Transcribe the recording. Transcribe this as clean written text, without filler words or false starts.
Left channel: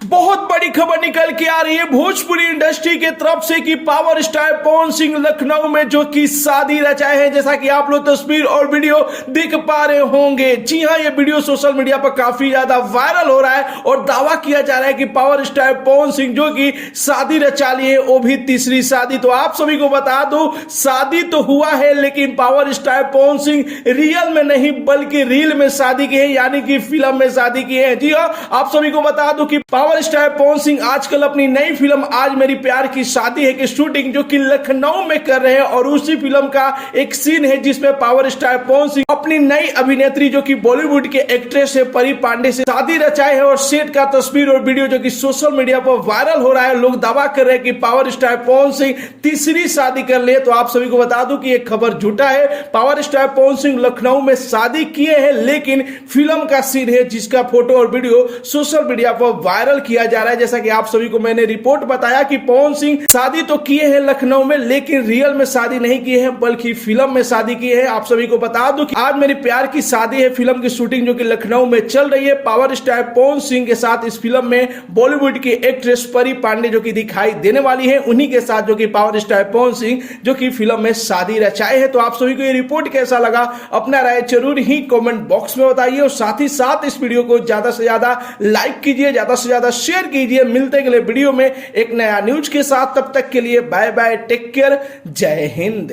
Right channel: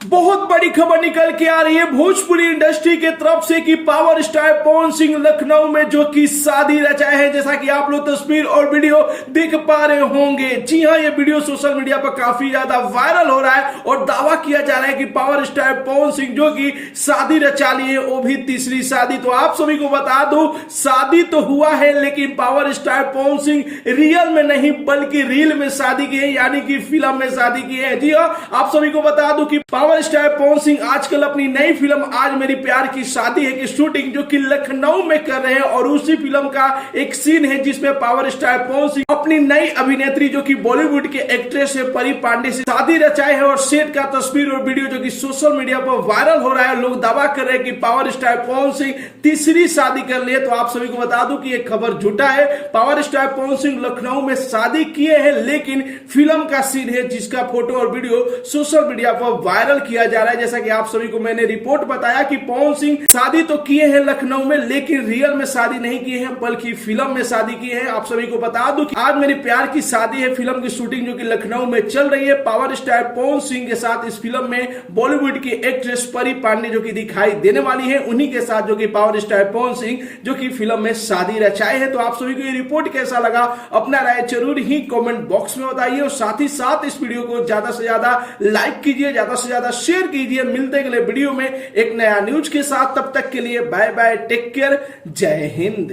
बहुत बड़ी खबर निकल के आ रही है भोजपुरी इंडस्ट्री के तरफ से कि पावर स्टार पवन सिंह लखनऊ में जो कि शादी रचाए हैं, जैसा कि आप लोग तस्वीर और वीडियो देख पा रहे होंगे। जी हां, ये वीडियो सोशल मीडिया पर काफी ज्यादा वायरल हो रहा है और दावा किया जा रहा है कि पावर स्टार पवन सिंह जो कि शादी रचा लिए, वो भी तीसरी शादी। तो आप सभी को बता दूं, शादी तो हुआ है लेकिन power star Pawan Singh real में नहीं बल्कि रील में शादी की है, यानी कि फिल्म में शादी की है। जी हां, आप सभी को बता दूं कि पावर स्टार पवन सिंह आजकल अपनी नई फिल्म आज मेरी प्यार की शादी है की शूटिंग जो कि लखनऊ में कर रहे हैं और उसी फिल्म का एक सीन है जिसमें पावर स्टार पवन सिंह अपनी नई अभिनेत्री जो कि बॉलीवुड के एक्ट्रेस है परी पांडे से शादी रचाए है और सेट का तस्वीर और वीडियो जो कि सोशल मीडिया पर वायरल हो रहा है। लोग दावा कर रहे हैं कि पावर स्टार पवन सिंह तीसरी शादी कर ले। तो आप सभी को बता दूं कि यह खबर झूठा है। पावर स्टार पवन सिंह लखनऊ में शादी किए हैं लेकिन फिल्म का सीन है जिसका फोटो और वीडियो सोशल मीडिया पर वायरल किया जा रहा है। जैसा कि आप सभी को मैंने रिपोर्ट बताया कि पवन सिंह शादी तो किए हैं लखनऊ में लेकिन रियल में शादी नहीं किए हैं बल्कि फिल्म में शादी की है। आप सभी को बता दूं कि आज मेरी प्यार की शादी है फिल्म की शूटिंग जो कि लखनऊ में चल रही है। पावर स्टार पवन सिंह के साथ इस फिल्म में बॉलीवुड की एक्ट्रेस परी पांडे जो कि दिखाई देने वाली है, उन्हीं के साथ जो कि पावर स्टार पवन सिंह जो कि फिल्म में शादी रचाए हैं। तो आप सभी को ये रिपोर्ट कैसा लगा, अपना राय जरूर ही कमेंट बॉक्स में बताइए और साथ ही साथ इस वीडियो को ज्यादा से ज्यादा लाइक कीजिए, ज्यादा से ज्यादा शेयर कीजिए। मिलते हैं अगले वीडियो में एक नया न्यूज के साथ, तब तक के लिए बाय बाय, टेक केयर, जय हिंद।